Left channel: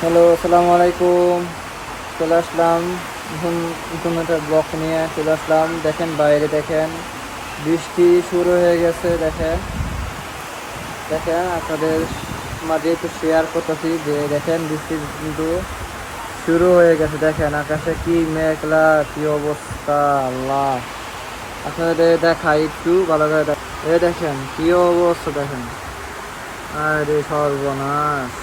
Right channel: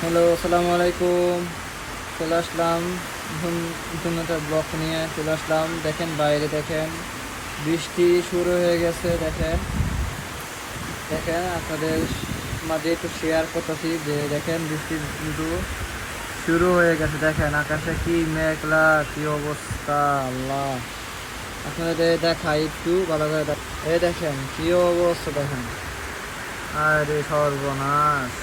Hello, আসসালামু আলাইকুম। চলে আসলাম একটা ব্লক নিয়ে চলে আসলাম। দেখেন বাইরে, দেখেন বৃষ্টি শুরু হয়ে গেছে, দেখেন। দেখেন আপনাদের মাঝে একটু শেয়ার করতেছি যে, দেখেন বৃষ্টি কিন্তু শুরু হয়ে গেছে, দেখেন আকাশে কি মেঘলা, কি অবস্থা, আল্লাহ। আপনাদের দেখাই একটু, ভালো করে দেখেন কি অবস্থা, দেখেন। আরে সর্বনাশ।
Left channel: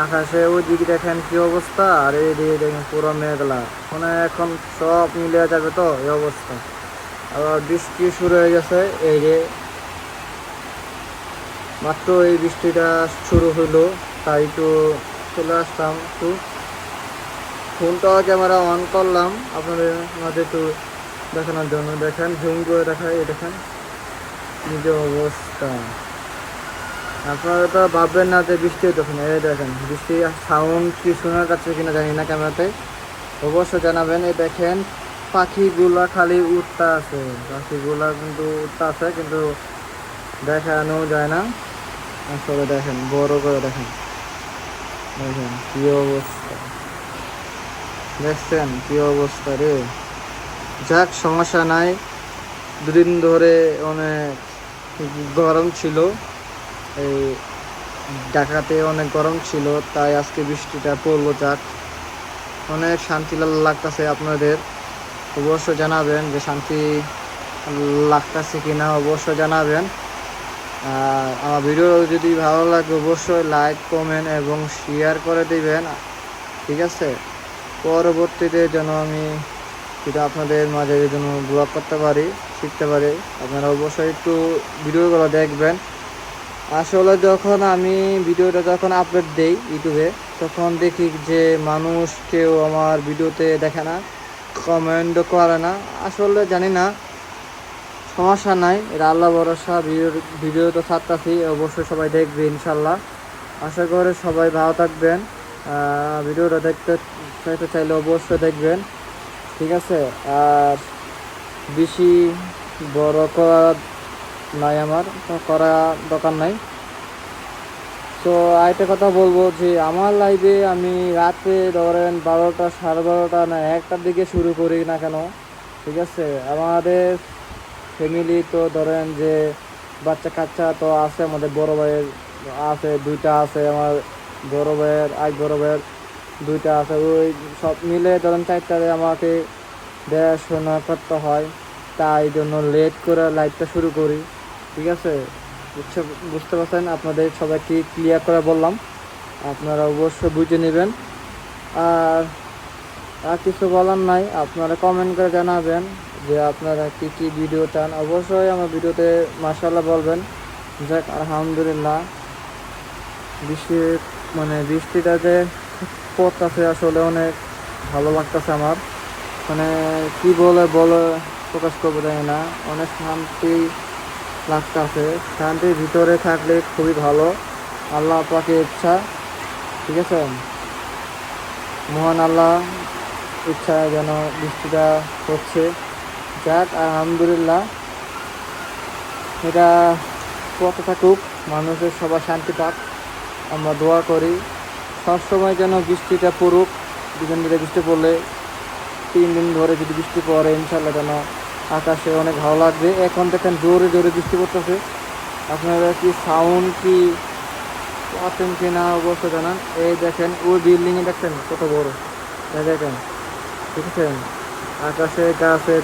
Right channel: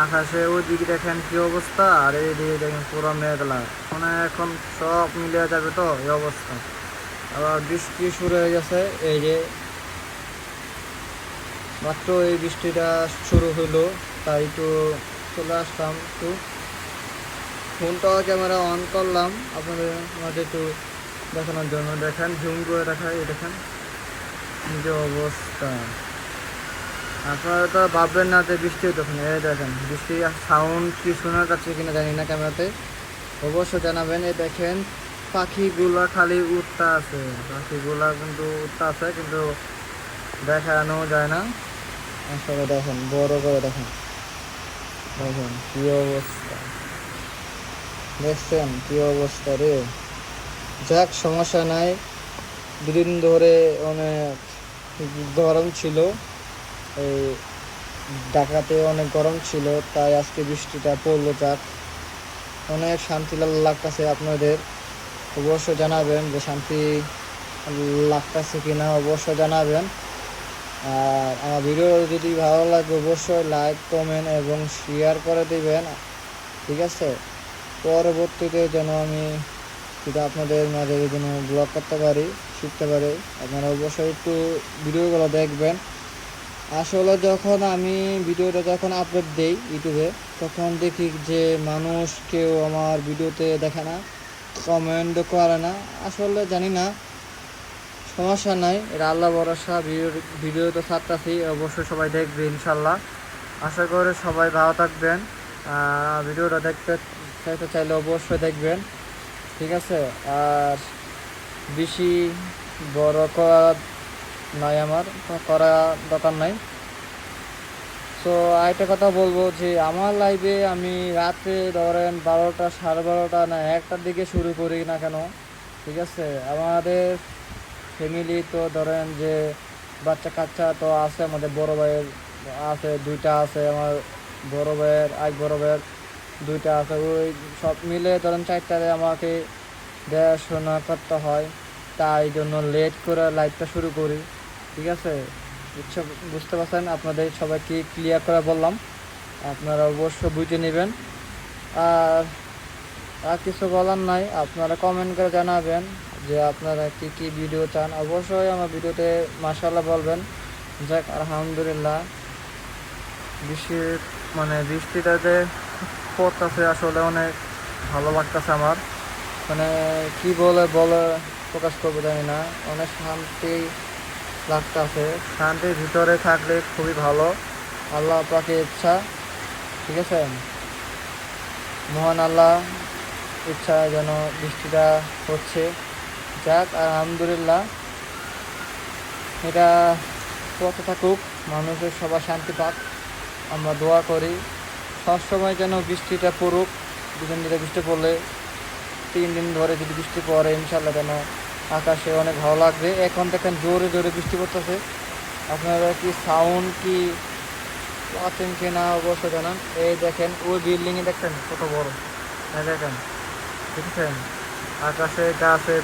আকাশে ওইদিকে দেখেন কি অবস্থা? আর এই দিকে দেখেন পুরো মেঘলা। মানে এখন সব মিলে যাবে তো এই অবস্থা। আবার বৃষ্টি শুরু হয়ে গেছে, এই যে। মাত্র এই বৃষ্টিটা শুরু হলো তাই তো চলে আসলাম একটু। ফোনটা ক্যামেরা অন করলাম, আপনাদের মাঝে একটু দেখানোর জন্য। দেখেন ঝুম করে দেখায় এই দেখেন। নিজের অবস্থা। আপনারা তো ভাববেন না যে বৃষ্টি তখন এই দেখেন, বৃষ্টি সাউন্ড কি শোনা যাচ্ছে কিনা জানি না ক্যামেরাতে। অবশ্যই জানাবেন, এই দেখেন, পাখিগুলা খালি উঠতে আছে। পাখিগুলা কিন্তু উঠতে আছে, কিন্তু দেখানো যায় না। আসলে দেখেন, বড় করে দেখেন। দেখেন, কি অবস্থা। দেখছেন, কি অবস্থা রে। যাক, সমস্যা নাই। দুদিন ধরে অনেক গরম ছিল। ঢাকাতে অনেক গরম ছিল, তাই আজকে বৃষ্টিটা পড়ল যাক অনেক শান্তি লাগতেছে আপনাদের। অবশ্য জানাবেন যে শান্তি লাগতেছে কিনা অবশ্যই জানাবেন। আমার ভিডিও যদি ভালো লাগে, অবশ্যই লাইক, কমেন্ট এবং শেয়ার করে দিবেন। ঠিক আছে? পরবর্তীতে যেন আমি সেটা আপনাদের মাঝে যেন ব্লগ করতে পারি, শিখতে পারি, আপনারা অবশ্যই একটু ভিডিওগুলো দেখবেন। আসলে যখন আমি ভিডিওটা যখন আপলোড দেই ইউটিউবে, তখন দেখি যে মানুষ কেউ আমার ভিডিওতে দেখে না কমেন্ট করে না। আসলে জানি না, সমস্যা নাই এটা আল্লাহ ভরসা, ভিডিও ভিডিও তো ছাড়তেছি, অবশ্যই সবাই দেখবে ইনশাল্লাহ আশা করে সবাই ভালো থাকবেন। ভিডিওটা দেখতে দেখতে চাইলে অবশ্যই দেখবেন। ঠিক আছে? আর বেশি বড় করা নাই আমার করা দরকার নাই। তো আরেকটা কথা বলব যে, আমার লাইভে আমি রাত্রে ধরেন বারোটা, সাড়ে বারোটা না একটার দিকে শুরু করি না কেন? ঠিক আছে? আমাদের ফ্যামিলি তো ধরেন যে বাচ্চা কাচ্চা তো আছে, আমাদের বড় ভাইয়ের আছে, দুইটা আছে, আমার বড় ভাইয়ের আজ বড় ভাইয়ের দুইটা আছে। ওই সব মিলে ধরেন চারটায় আমাকে দেখাশোনা করতে হয়। তাই জন্য লেট করে লাইভটা শুরু করি। ঠিক আছে? বুঝতে পারছেন? আপনাদের সবাইকে ক্লিয়ার করে বললাম। আপনারা অবশ্যই বুঝে নেবেন। আর আর কিছু বলার নাই। আপনারা কমেন্ট করে জানাবেন যে আপনারা কী কী ভিডিও চান। অবশ্যই আমার ভিডিওতে মাসাল্লাহ বলবেন। যাক, আলহামদুলিল্লাহ। বৃষ্টির মানে বৃষ্টিটা যে পড়তেছে আসলে অনেক ভালো লাগতেছে আমার। মানে কী বলে বলে প্রকাশ করব জানি না। অনেক শান্তি লাগতেছে শান্তির ভিতরে থাকলে খুবই ভালো। আল্লাহ আপনাকে ইচ্ছা। ঠিক আছে? মহান আল্লাহ ইচ্ছা যেন বৃষ্টিটা হচ্ছে। যাক, আলহামদুলিল্লাহ। এটা কত থাকুক মানুষের সবাই শান্তি পাক। আমরা দোয়া করি। সবসময় যেন বৃষ্টিটা পড়ুক। দুজন ধরে বৃষ্টি পড়লে তিন দিন ধরে যদি বৃষ্টি পড়ে ইনশাল্লাহ যেন আকাশে অনেক ভালো লাগবে। এখন দেখেন জোরে জোরে বৃষ্টি পড়তেছে। আপনারা কি সাউন্ড কি পাচ্ছেন কি না অবশ্য জানা। এই দেখেন, ওই বিল্ডিংয়ে দেখছেন কত বড়। দেখেন, ঠিক আছে? আকাশে গাছে